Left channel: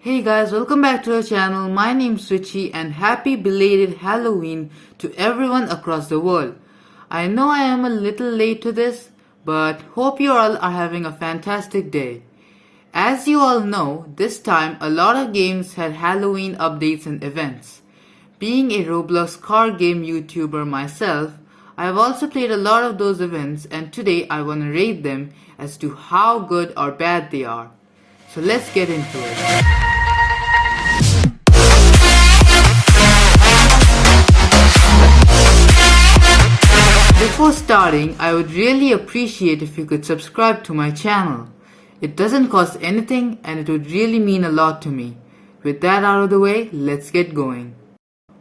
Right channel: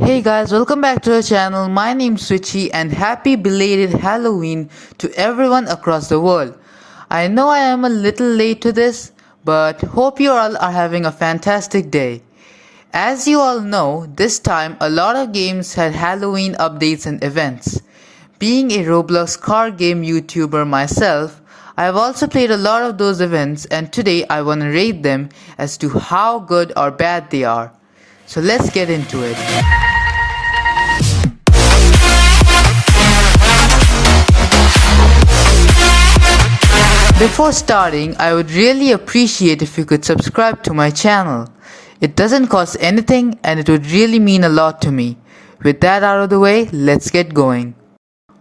Hey guys, welcome back to our channel. My name's Switchy and happy belated Halloween to everyone across the world. I know I am a little late to this, but hope you all are having a fantastic day. As you all know, this time a lot of games had Halloween updates and events. Being a Roblox card game YouTuber myself, I have also played a lot of those events and today I want to rate them as to how good or bad they are. So let's get into it. Before starting, I would really appreciate if you could subscribe to my channel. It doesn't cost anything and it would really mean a lot to me. With that out of the way, let's get going.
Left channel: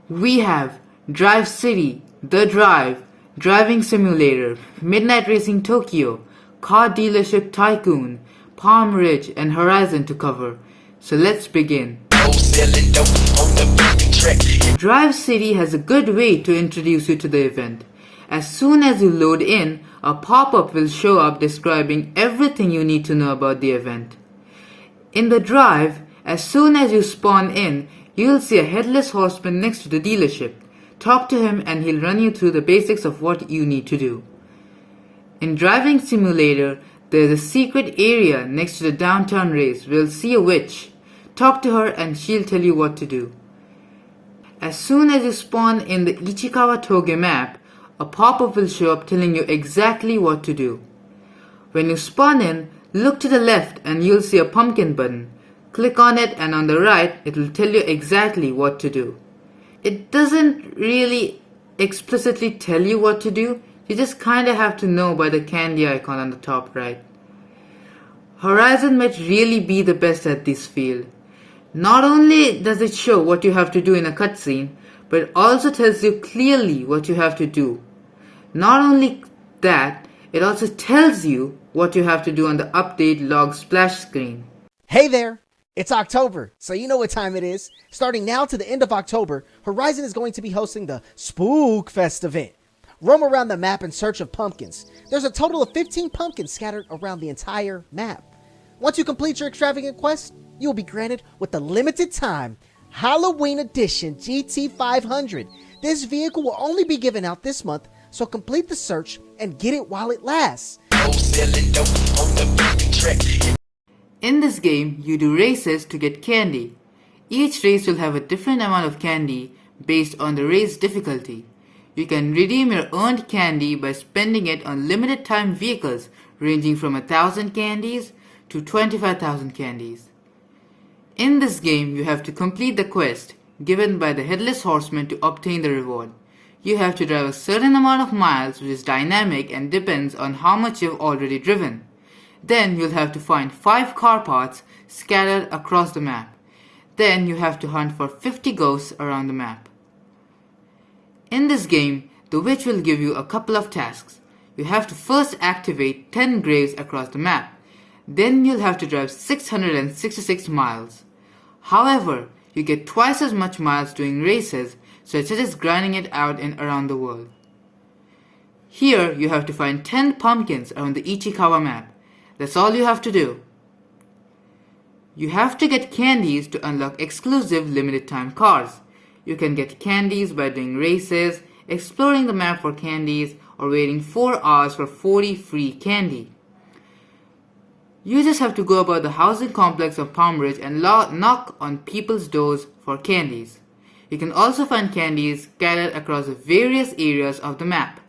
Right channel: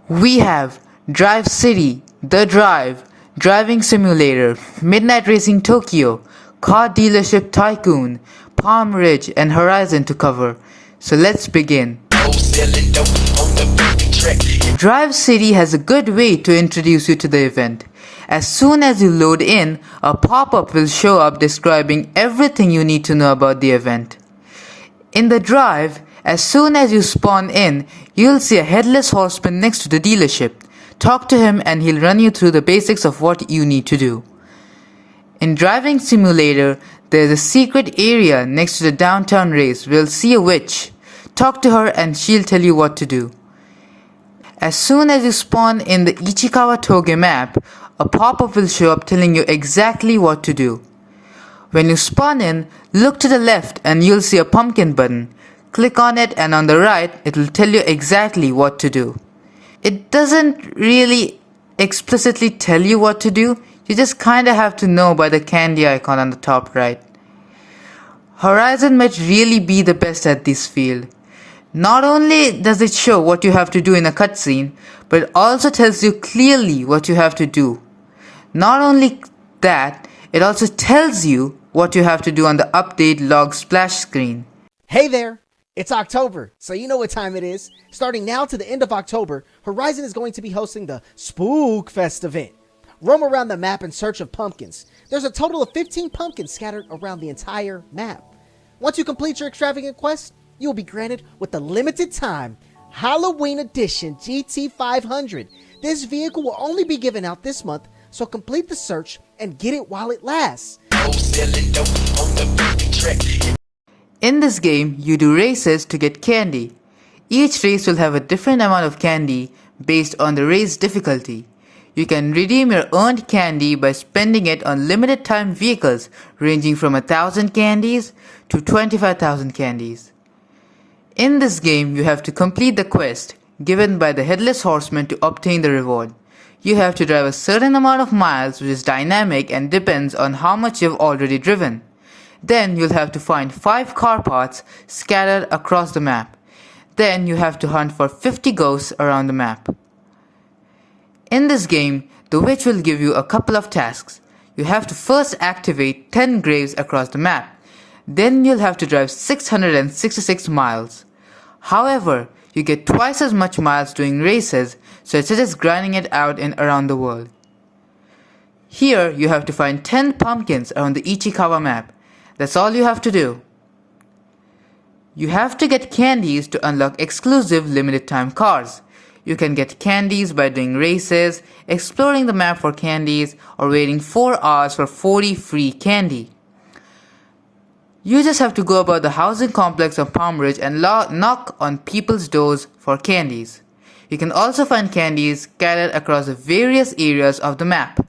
We have Drive City, The Drive, Driving Simulator, Midnight Racing Tokyo, Car Dealership Tycoon, Palm Ridge and Horizon to cover. So let's begin. Drive City has a good way to introduce you to the event. As soon as you load in, a pop-up will show up describing everything you need to know about the event. In the drive, as soon as you spawn in, you'll see a headless horseman next to the dealership. Talk to him and he'll run you through the basics of what you need to do. In Driving Simulator, there's a secret area next to the downtown race where you'll see a witch. Talk to her and she'll tell you what to do. As soon as you spawn in the Ichikawa Toge map, a pop-up will show up telling you exactly what to do. When you spawn in, look to the left and you'll see a pumpkin button. Click on it and on the right, it will tell you exactly what to do. It doesn't really explicitly tell you what to do, you just kinda have to know by the candy icon on the top right. Horizon might really be the best at this field. Not only does it show what you have to do in a cutscene, but it also tells you clearly what you have to do. Not only that, it also tells you what you have to do on the update log splash screen. Hey there! It's October, so you know what time it is. Starting now to the end of October, Horizon is going to be hosting the Spook Fest event. Roam around the map in search of pumpkins. There's a total of 15 pumpkins scattered around the entire map. Once you complete your extravagant quest, you will be granted with the limited time Halloween Edition GT500. This vehicle will only be given out this month, so complete the search and get it while it lasts. In this game, you do races to get candy. Each race will have a different amount of candy based on the race difficulty. You can redeem your earned candy by spending it on limited time vehicles ranging from 1,000 candies to 25,000 candies. In this game, you have to complete the quest given by the Headless Horseman to obtain the reward. You have to drive a certain amount of miles which is dynamic and depends on how much you've already driven. Then you'll have to find 5 car parts scattered across the map. Then you have to hunt for 50 ghosts around the map. In this game, the witch will give you a couple of tasks. You have to first activate 10 graves across the map. Then you'll have to drive 666 miles. However, you get twice as much miles doing races, so it's just grinding it out in around the world. Here, you have to find 10 pumpkins around the Ichikawa map. That's all you have to do. You have to get candies to unlock exclusive limited time cars. You can get candies by doing races, exploring the map for candies, or waiting 4 hours for 40 free candy. You just have to go about the housing complex of Palm Ridge and knock on people's doors for candies. You can also find candies scattered across the various areas of the map.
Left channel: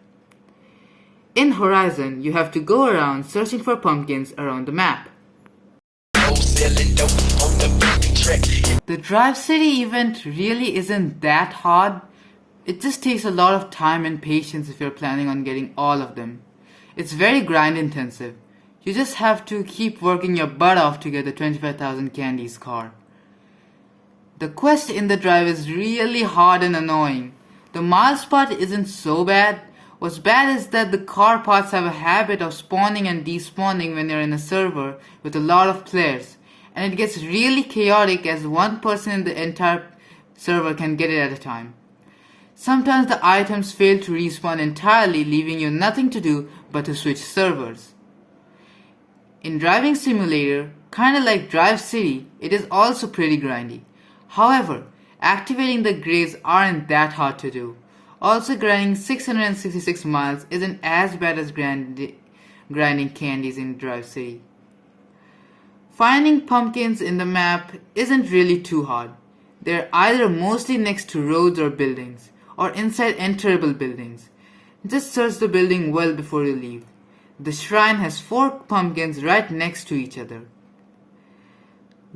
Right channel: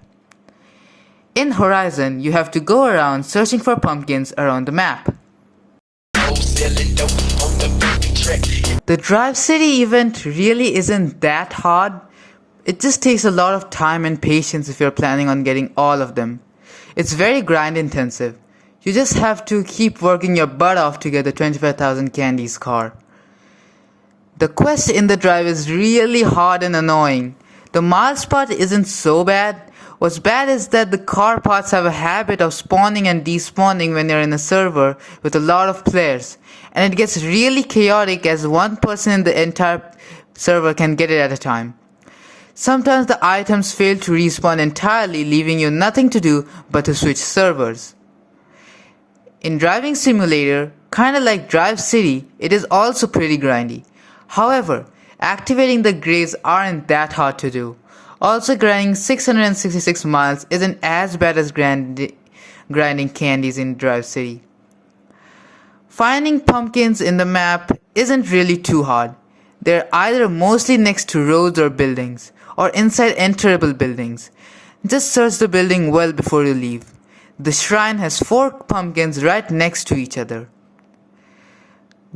In Horizon, you have to go around searching for pumpkins around the map. The Drive City event really isn't that hard. It just takes a lot of time and patience if you're planning on getting all of them. It's very grind intensive. You just have to keep working your butt off to get the 25,000 candies car. The quest in the drive is really hard and annoying. The miles part isn't so bad. What's bad is that the car parts have a habit of spawning and despawning when you're in a server with a lot of players. And it gets really chaotic as one person in the entire server can get it at a time. Sometimes the items fail to respawn entirely, leaving you nothing to do but to switch servers. In Driving Simulator, kinda like Drive City, it is also pretty grindy. However, activating the graves aren't that hard to do. Also, grinding 666 miles isn't as bad as grinding candies in Drive City. Finding pumpkins in the map isn't really too hard. They're either mostly next to roads or buildings, or inside enterable buildings. Just search the building well before you leave. The shrine has 4 pumpkins right next to each other.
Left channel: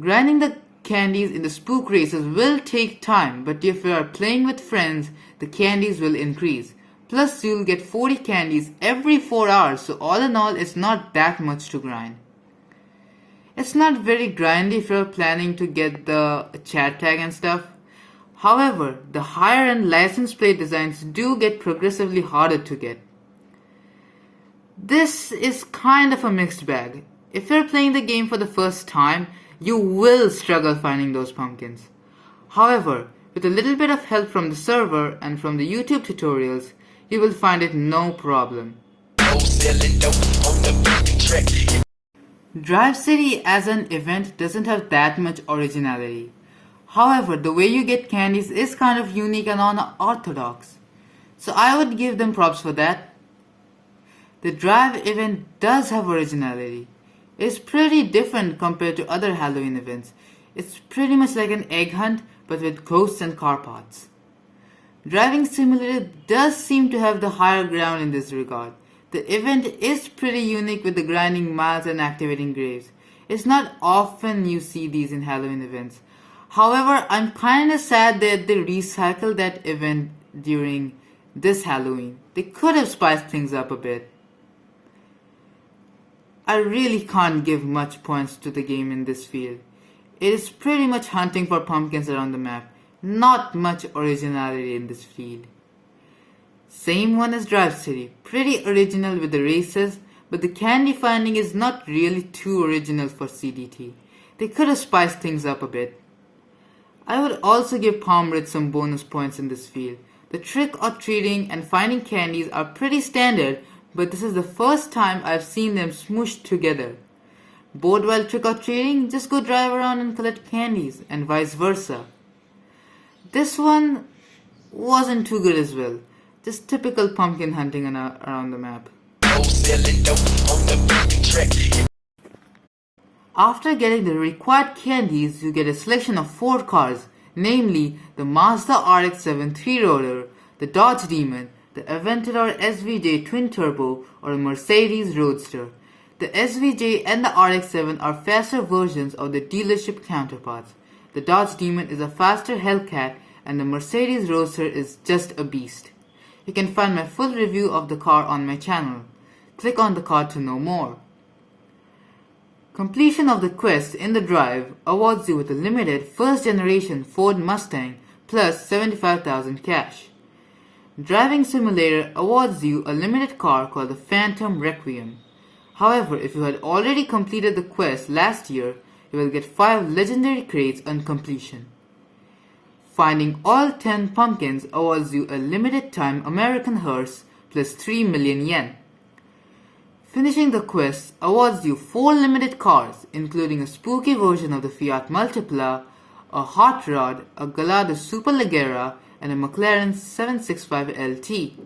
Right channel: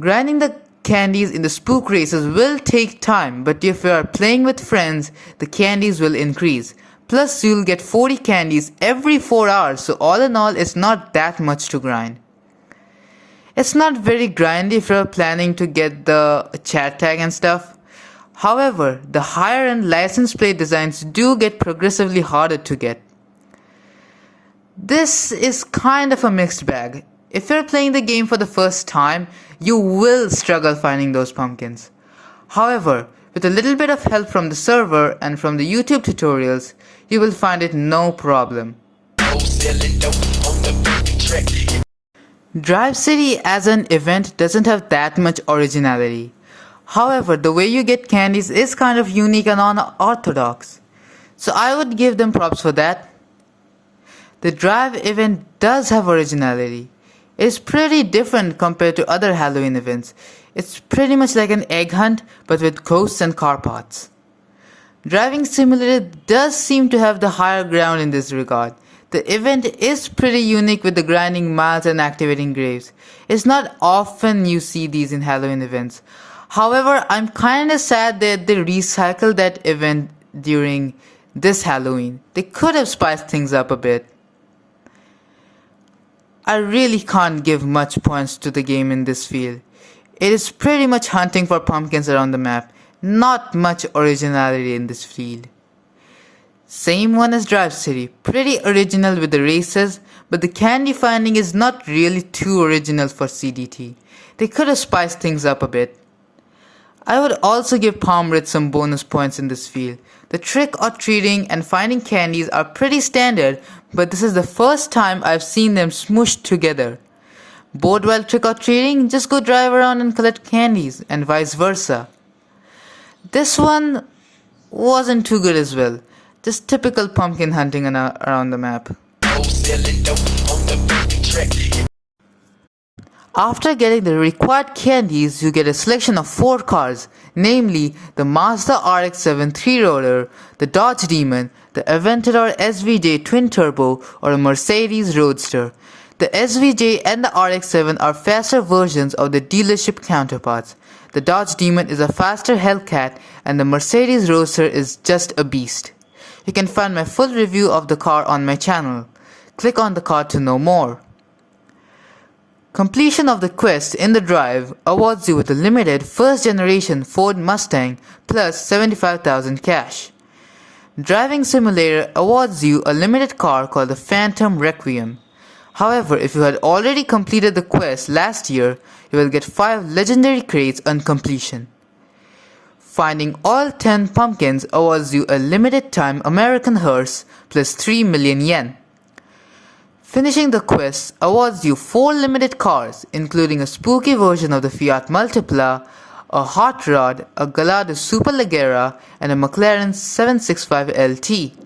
Grinding the candies in the spook races will take time, but if you are playing with friends, the candies will increase. Plus, you'll get 40 candies every 4 hours, so all in all, it's not that much to grind. It's not very grindy if you're planning to get the chat tag and stuff. However, the higher end license plate designs do get progressively harder to get. This is kind of a mixed bag. If you're playing the game for the first time, you will struggle finding those pumpkins. However, with a little bit of help from the server and from the YouTube tutorials, you will find it no problem. Drive City as an event doesn't have that much originality. However, the way you get candies is kind of unique and unorthodox. So I would give them props for that. The Drive event does have originality. It's pretty different compared to other Halloween events. It's pretty much like an egg hunt but with ghosts and car parts. Driving Simulator does seem to have the higher ground in this regard. The event is pretty unique with the grinding miles and activating graves. It's not often you see these in Halloween events. However, I'm kinda sad that they recycled that event during this Halloween. They could have spiced things up a bit. I really can't give much points to the game in this field. It is pretty much hunting for pumpkins around the map. Not much originality in this field. Same one as Drive City, pretty original with the races, but the candy finding is not really too original for CDT. They could have spiced things up a bit. I would also give Palm Ridge some bonus points in this field. The trick or treating and finding candies are pretty standard, but this is the first time I've seen them smooshed together. Bored while trick or treating, just go drive around and collect candies, and vice versa. This one wasn't too good as well. Just typical pumpkin hunting around the map. After getting the required candies, you get a selection of 4 cars, namely the Mazda RX-7 3-rotor, the Dodge Demon, the Aventador SVJ Twin Turbo, or a Mercedes Roadster. The SVJ and the RX-7 are faster versions of the dealership counterparts. The Dodge Demon is a faster Hellcat, and the Mercedes Roadster is just a beast. You can find my full review of the car on my channel. Click on the car to know more. Completion of the quest in the drive awards you with a limited first generation Ford Mustang plus 75,000 cash. Driving Simulator awards you a limited car called the Phantom Requiem. However, if you had already completed the quest last year, you will get 5 legendary crates on completion. Finding all 10 pumpkins awards you a limited time American hearse plus 3 million yen. Finishing the quest awards you 4 limited cars, including a spooky version of the Fiat Multipla, a Hot Rod, a Gallardo Superleggera, and a McLaren 765 LT.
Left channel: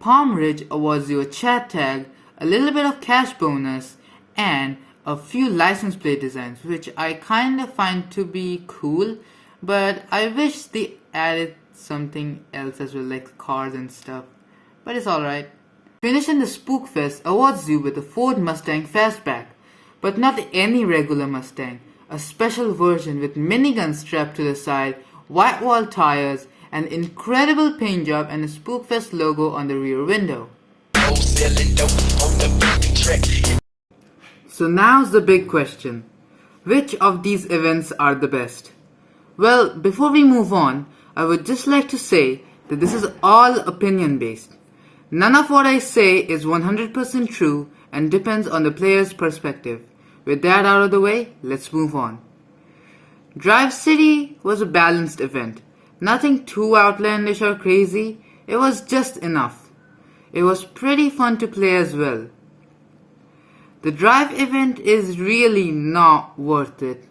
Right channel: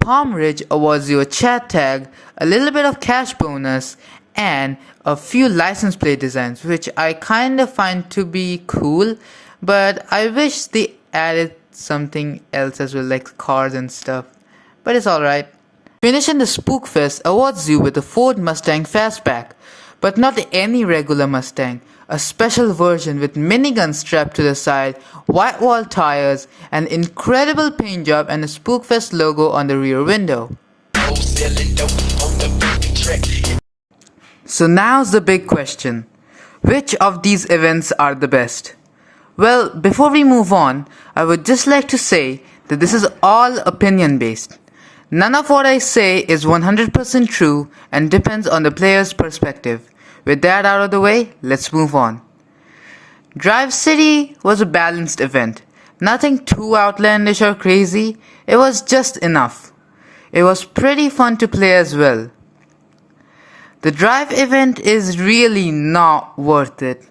Palm Ridge awards you a chat tag, a little bit of cash bonus, and a few license plate designs, which I kinda find to be cool, but I wish they added something else as well, like cars and stuff. But it's alright. Finishing the Spook Fest awards you with a Ford Mustang Fastback, but not any regular Mustang, a special version with minigun strapped to the side, white wall tires, an incredible paint job, and a Spook Fest logo on the rear window. So now's the big question. Which of these events are the best? Well, before we move on, I would just like to say that this is all opinion based. None of what I say is 100% true and depends on the player's perspective. With that out of the way, let's move on. Drive City was a balanced event. Nothing too outlandish or crazy, it was just enough. It was pretty fun to play as well. The drive event is really not worth it.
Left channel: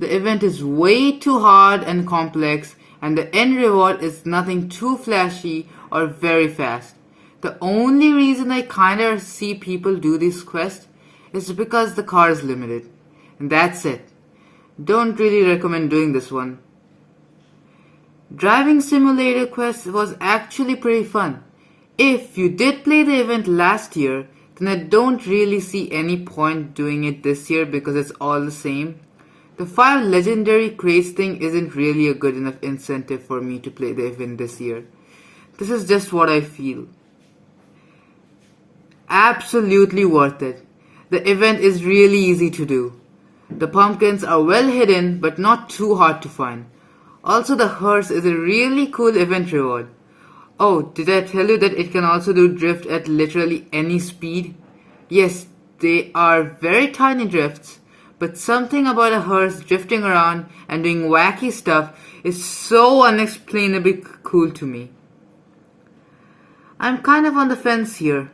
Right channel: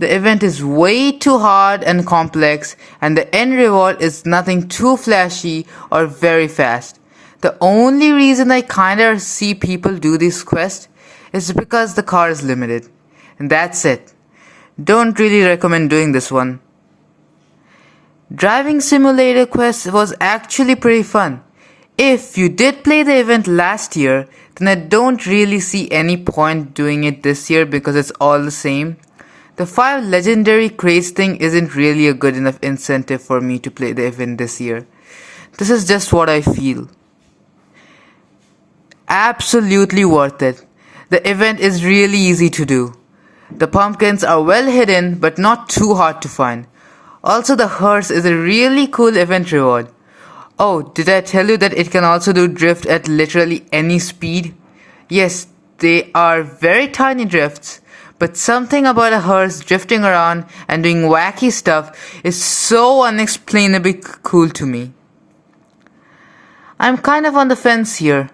The event is way too hard and complex, and the end reward is nothing too flashy or very fast. The only reason I kinda see people do this quest is because the car is limited. And that's it. Don't really recommend doing this one. Driving simulator quest was actually pretty fun. If you did play the event last year, then I don't really see any point doing it this year because it's all the same. The 5 legendary crates thing isn't really a good enough incentive for me to play the event this year. This is just what I feel. Absolutely worth it. The event is really easy to do. The pumpkins are well hidden but not too hard to find. Also, the hearse is a really cool event reward. Oh, did I tell you that it can also do drift at literally any speed? Yes, they are very tiny drifts, but something about a hearse drifting around and doing wacky stuff is so unexplainably cool to me. I'm kind of on the fence here.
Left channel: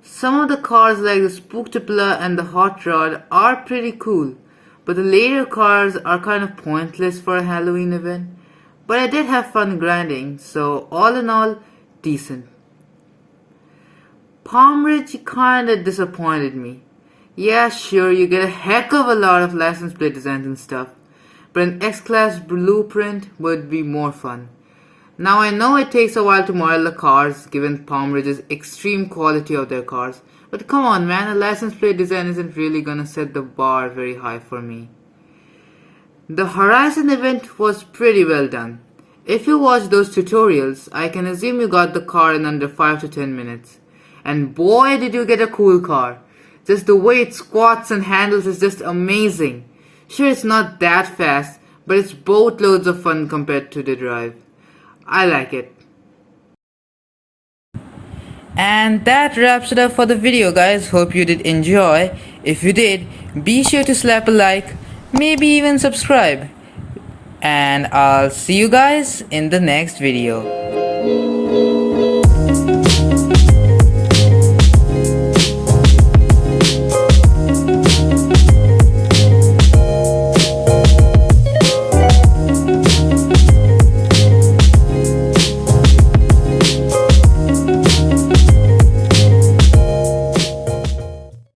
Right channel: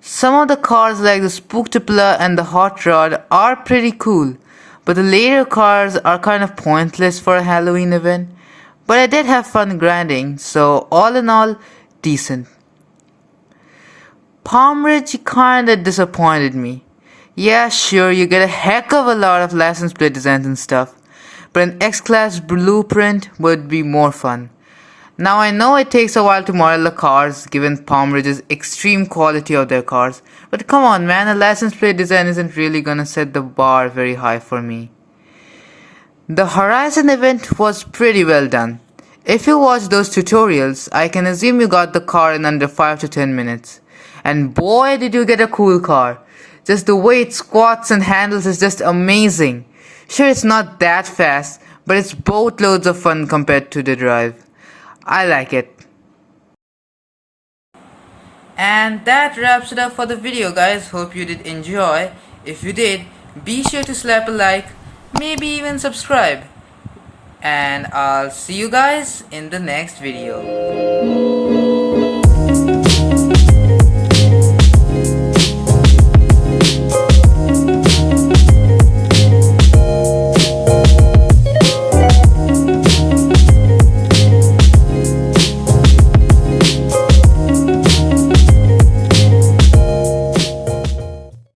Some of the cars like the Spooktopla and the Hot Rod are pretty cool, but the later cars are kind of pointless for a Halloween event. But I did have fun grinding, so all in all, decent. Palm Ridge kinda disappointed me. Yeah, sure, you get a heck of a lot of license plate designs and stuff, but an X-Class blueprint would be more fun. Now I know it takes a while to model the cars given Palm Ridge's extreme quality of their cars, but come on man, a license plate design isn't really gonna set the bar very high for me. The Horizon event was pretty well done. If you watch those tutorials, I can assume you got the car in under 5 to 10 minutes. And boy did you get a cool car. Just the way it squats and handles is just amazing. Sure, it's not that fast, but it's boatloads of fun compared to the drive. I like it. And that wraps it up for the video, guys. Hope you did enjoy. If you did, be sure to slap a like, maybe even subscribe. And I'll see you guys in the next video.